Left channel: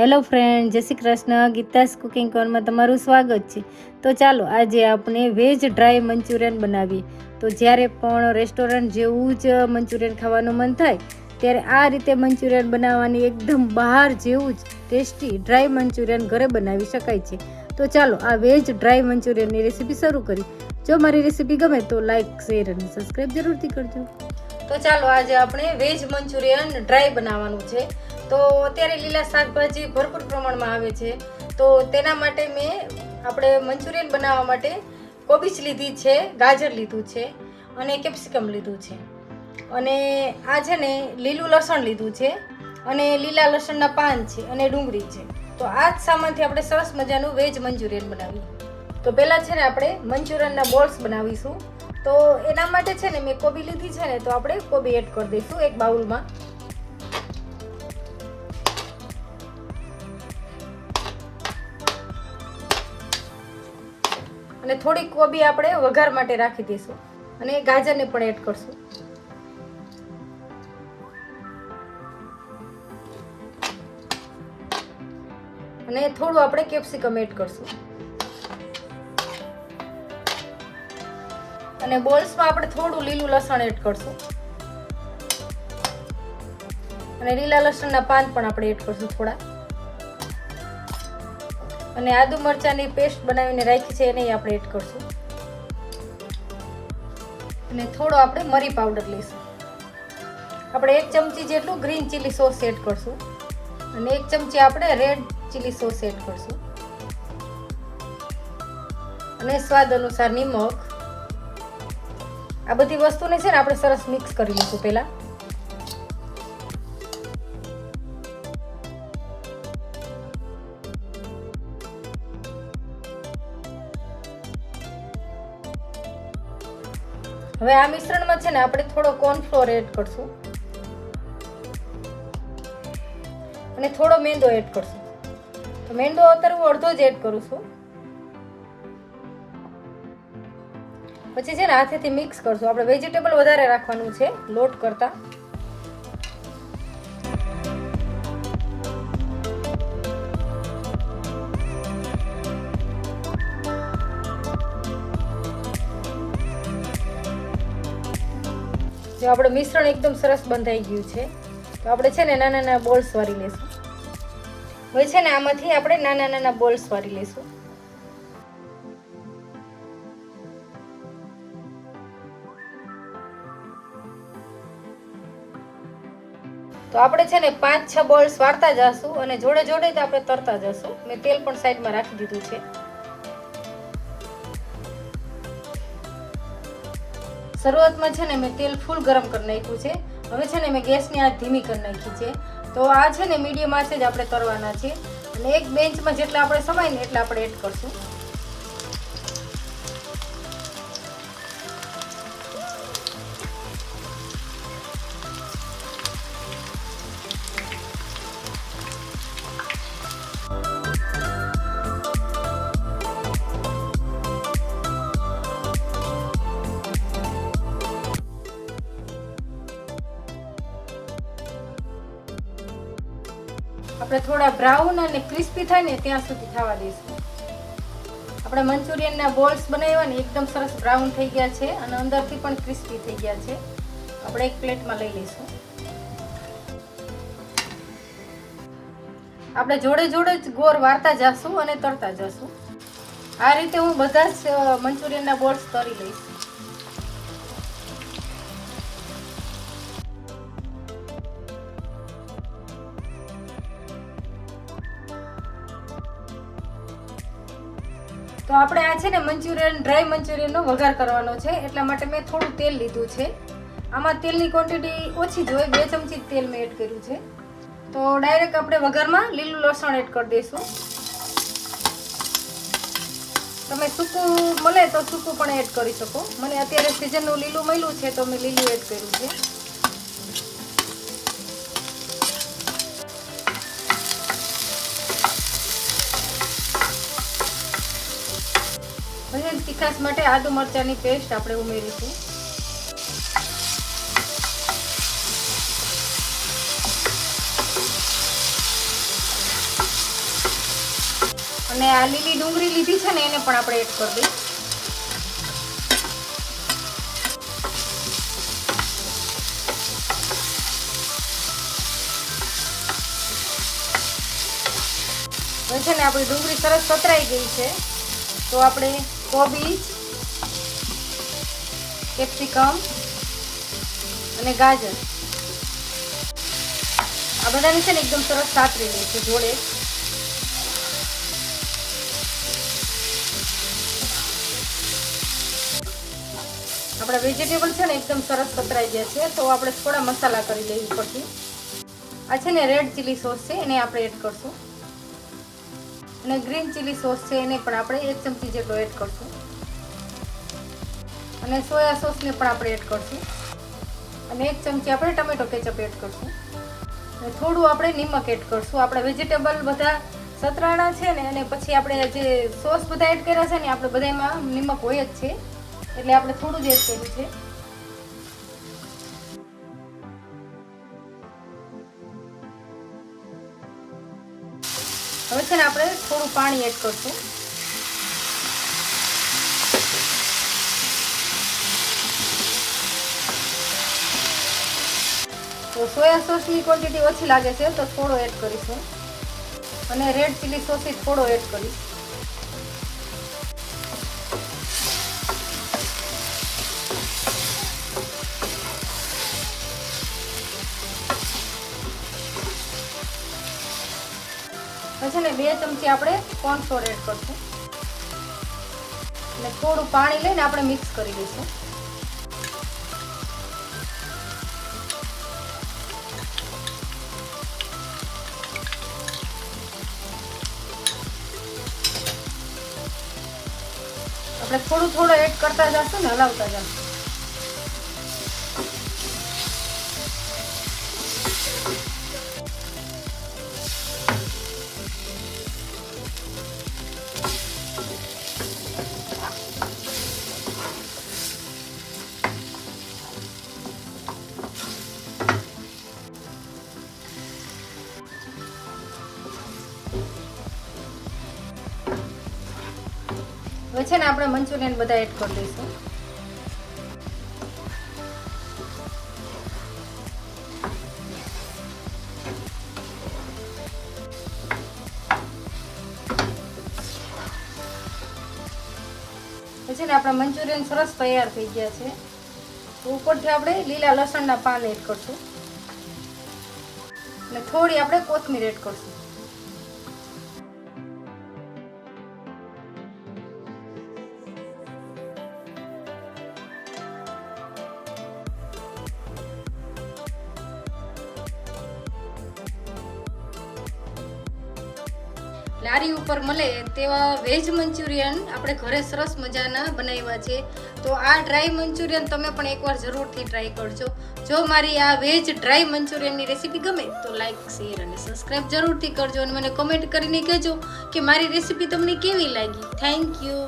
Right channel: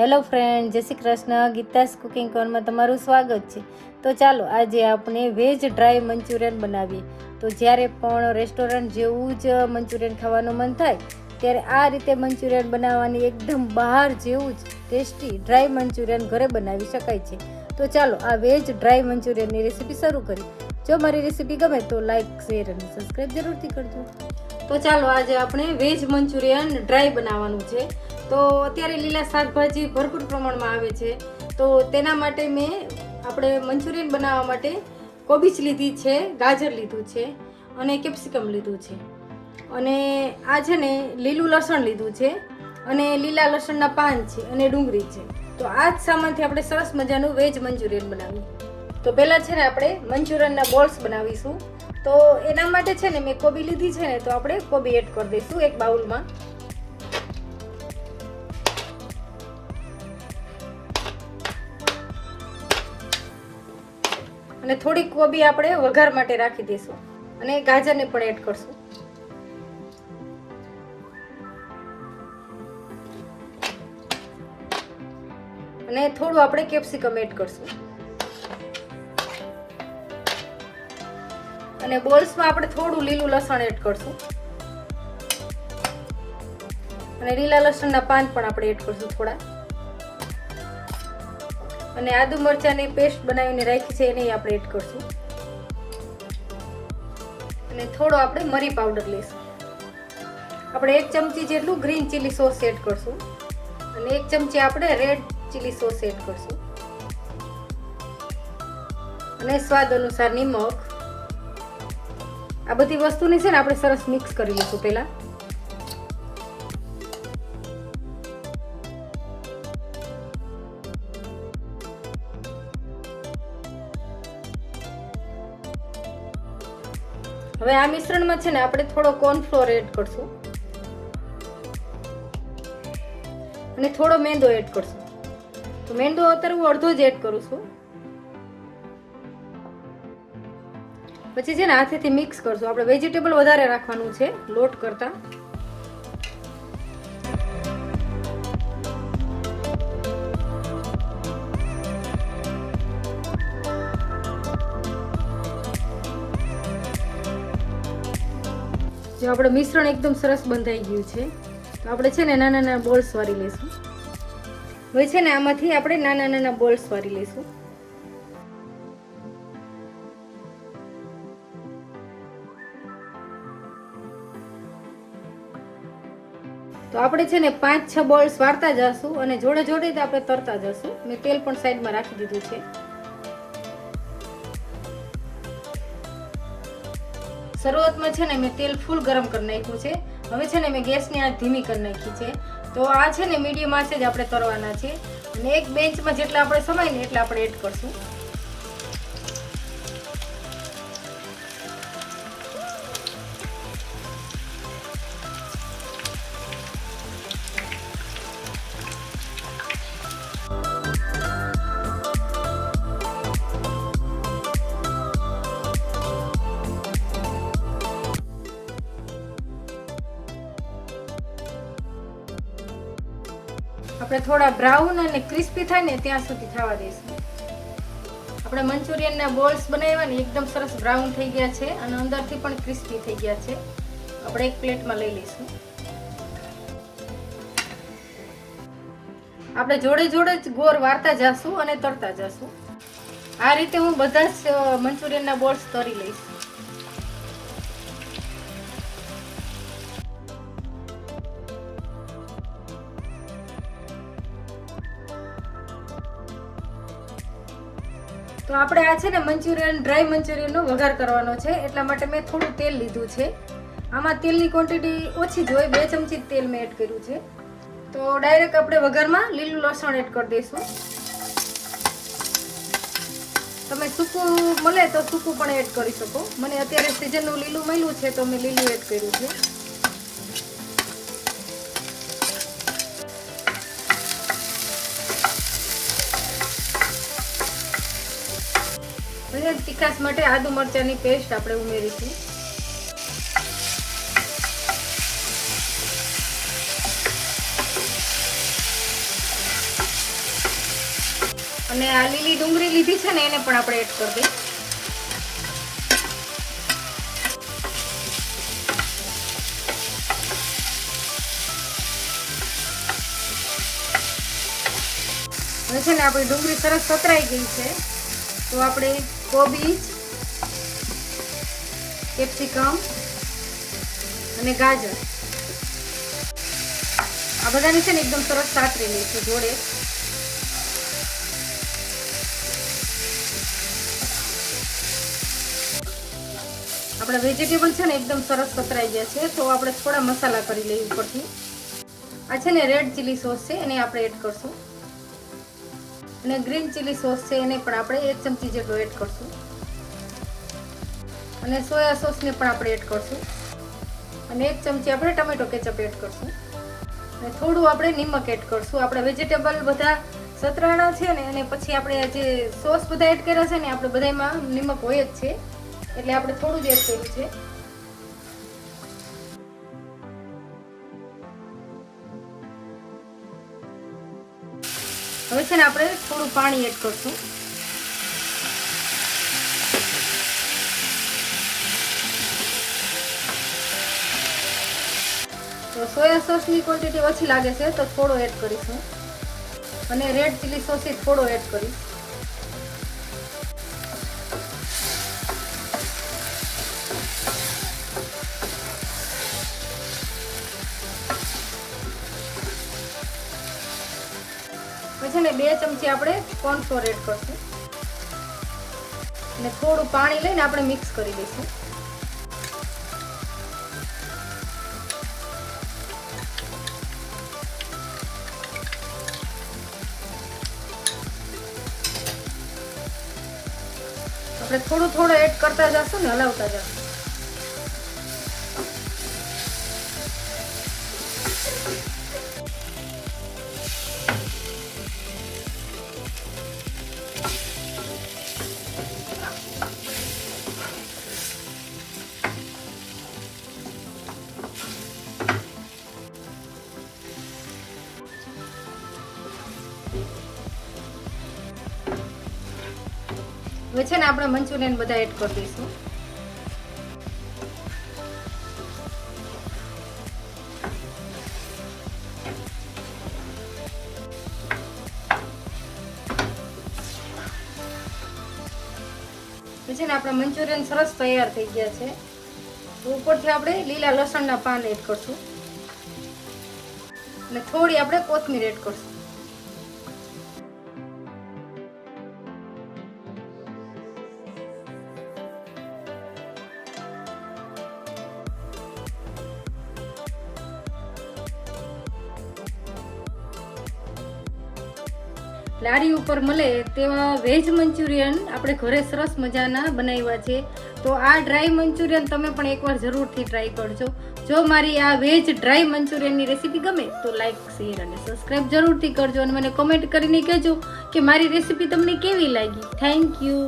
Hello friend Jai Shri Krishna. Geeta's cooking કોર્નમાં તમારું સ્વાગત છે. તો ચાલો, આજે આપણે વેજ ડ્રાય મંચુરિયન બનાવીએ. તો જ્યારે પણ રેસ્ટોરન્ટ જેવું જ મંચુરિયન ખાવાનું મન થાય, ત્યારે આ રીતે મંચુરિયન બનાવવાની એકદમ બહાર જેવું જ ટેસ્ટી ડ્રાય મંચુરિયન ઘરે બનાવી શકાય છે. તો ચાલો, આ વેજ ડ્રાય મંચુરિયનની રેસીપી શરૂ કરી જો મારી રેસીપી ગમે તો લાઈક શેર અને સબસ્ક્રાઈબ જરૂરથી કરજો. તો ચાલો, આજે આપણે વેજ મંચુરિયન ડ્રાય બનાવવાનું છે. તો અત્યારે લીલા શાકભાજી ભરપૂર પ્રમાણમાં આવે છે. તો તેના માટે મેં આપણે મંચુરિયન બનાવવા માટે કોબીજ લીધી છે, ગાજર લીધું છે અને કેપ્સિકમ લીધું છે. અને આ છે ને લીલું લસણ લીધું છે અને લીલા લસણના પાન છે અને ડુંગળી છે. તો આ જ સામાનથી આપણે સરસ મજાનું વેજ મંચુરિયન બનાવ્યું. તો પહેલાં છે ને આપણે મંચુરિયનના બોલ્સ બનાવીશું. તો એના માટે છે ને મેં કોબી લીધી છે ને તો આપણે કોબી એડ કરી દઈશું એક બાઉલમાં. અને થોડીક કોબી આપણે વઘાર માટે રાખી દઈશું. અને ગાજરને પણ એડ કરશું. અને થોડું આપણે કેપ્સિકમ એડ કરશું. અને બોલ્સમાં આપણે થોડું લીલું લસણ એડ કરશું. અને લીલા લસણના પાન પણ આપણે એડ કરશું થોડા. અને આદુ મરચાંની પેસ્ટ બનાવીને રાખી છે, એને આપણે એડ કરશું. અને થોડો આપણે મરી પાવડર લઈશું. આપણે એક ચમચી જેટલું ગ્રીન ચીલી સોસ એડ કરશું. અને એક ચમચી આપણે રેડ ચીલી સોસ એડ કરશું. અને સ્વાદ અનુસાર નિમક. આ બધી વસ્તુને છે ને આપણે સરસ મિક્સ કરી લઈશું પહેલા. હવે આ મિશ્રણમાં છે ને આપણે થોડો કોર્નફ્લોર એડ કરશું. અને થોડો મેંદો એડ કરશું. તો મેંદો અત્યારે હું અડધો જ એડ કરું છું. પછી છે ને હાથેથી મિક્સ કરશું. આપણે વેજીટેબલ વધારે રાખવાનું છે લોટ કરતા. જો આપણે મિશ્રણ એકદમ સરસ બંધાઈ ગયું છે, તો આપણે છે ને નાના નાના બોલ્સ વાળી લઈશું. હવે છે ને આમાંથી આપણે નાના નાના બોલ્સ વાળી લઈશું. તો આપણે છે ને પાંચ છ બોલ્સ વાળતા જશું અને જોડે જોડે જ આપણે તરતા જશું. મેં તેલ પણ સાઈડમાં રાખી દીધું છે. શરૂઆતમાં છે ને મેં તેલ ફૂલ ગરમ કરી નાખ્યું છે. હવે છે ને મેં ગેસની આ ધીમી કરી નાખી છે. તો આ છે ને મીડિયમ આંચે જ આપણે તરવાના છે. અને એક બેન્ચમાં જેટલા આપણે સમાય ને એટલા આપણે એડ કરશું. આપણે થોડા બ્રાઉન અને ક્રિસ્પી થાય ને ત્યાં સુધી થવા દઈશું. આપણે મંચુરિયનના બોલ્સ બનાવ્યા ને એકદમ સરસ બ્રાઉન થઈ ગયા છે અને અંદરથી પણ ક્રિસ્પી થઈ ગયા છે. આપણે એક પ્લેટમાં લઈ લઈશું. આપણે જોડે જોડે જ ગોળ વાળતા જશું અને તરતા જશું. આ રીતે હું બધા જ મંચુરિયનના બોલ્સ તરી લઈશ. તો આપણે આ છે ને મંચુરિયન, ડ્રાય મંચુરિયનનો વઘાર કરવાનો છે, એટલા માટે મેં થોડું તેલ લીધું છે. આમાં તેલની ક્વોન્ટિટી ઓછી જ હોય, બે ચમચી તેલ મેં એડ કર્યું છે. તો ડાયરેક્ટ આપણે વઘારમાં લીલું લસણ એડ કરી દઈશું. તમે સૂકું મળે તો સૂકું પણ એડ કરી શકો. મને અત્યારે સિઝનનું લીલું મળ્યું છે, તો મેં લીલું એડ કર્યું છે અને તીખાસ માટે આદુ મરચાંની પેસ્ટ આપણે ઉમેરીશું. અને આ લીલી ડુંગળી લીધી છે ને એને પણ આપણે એડ કરી છે ને આપણી ડુંગળી સરસ પતરાઈ ગઈ છે. તો આપણે કોબીજ કેપ્સિકમ અને ગાજર. આ બધાને છે ને એકદમ સરસ સાતરી લઈશું જોડે આપણા વેજીટેબલ છે ને એકદમ સરસ પતરાઈ ગયા છે, તો આપણે થોડા મસાલા કરી લઈએ ઉપરથી. આ છે ને રેડ ચીલી સોસ છે, એને આપણે એડ કરશું. અને ગ્રીન ચીલી સોસ છે એને પણ આપણે એક ચમચી જેટલો એડ કરશું. અને સોયા સોસની પણ આપણે એડ કરશું. અને એક ચમચી આપણે ટમેટો કેચઅપ એડ કરશું. અને થોડું આપણે નિમક એડ કરશું. આપણા વેજીટેબલ બધા સતરાણા છે ને, અને પછી આપણે જે સોસ બધા એડ કર્યા છે ને આપણે બધામાં નિમક હોય જ છે. એટલે આપણે થોડું જ એડ કર્યું છે. હવે છે ને આપણે થોડું પાણી એડ કરશું. તો સોયા સોસની ક્વોન્ટિટી ઓછી લાગે છે, તો થોડો એડ કરીશું. અને રેડ ચીલી સોસ થોડો એડ કરીશ. પછી ને બે ચમચી આપણે કોર્નફ્લોર એડ કરશું. અને થોડું પાણી લઈને આપણે મિક્સ કરી દઈશું. આપણે થોડું થોડું એડ કરતા જશું ને હલાવતા જશું. હવે છે ને આપણે મંચુરિયન બધા એડ કરી દઈશું. પછી ને આપણા મંચુરિયન સરસ તૈયાર થઈ ગયા છે. ઉપરથી આપણે લીલા લસણના પાન એડ કરશું. અને થોડી આપણે કોથમીર એડ કરશું. લારી ઉપર મળે તેવા વેજ મંચુરિયન આપણે ઘરે સરસ મજાના બનાવ્યા છે. તો આ ડ્રાય મંચુરિયન તમે પણ એકવાર જરૂરથી ટ્રાય કરજો. જો મારી આ વેજ ડ્રાય મંચુરિયનની રેસીપી ગમે તો લાઈક શેર અને સબસ્ક્રાઈબ જરૂરથી કરજો અને મને કોમેન્ટ કરીને કહેજો કે મારી રેસીપી તમને કેવી લાગી. Thank you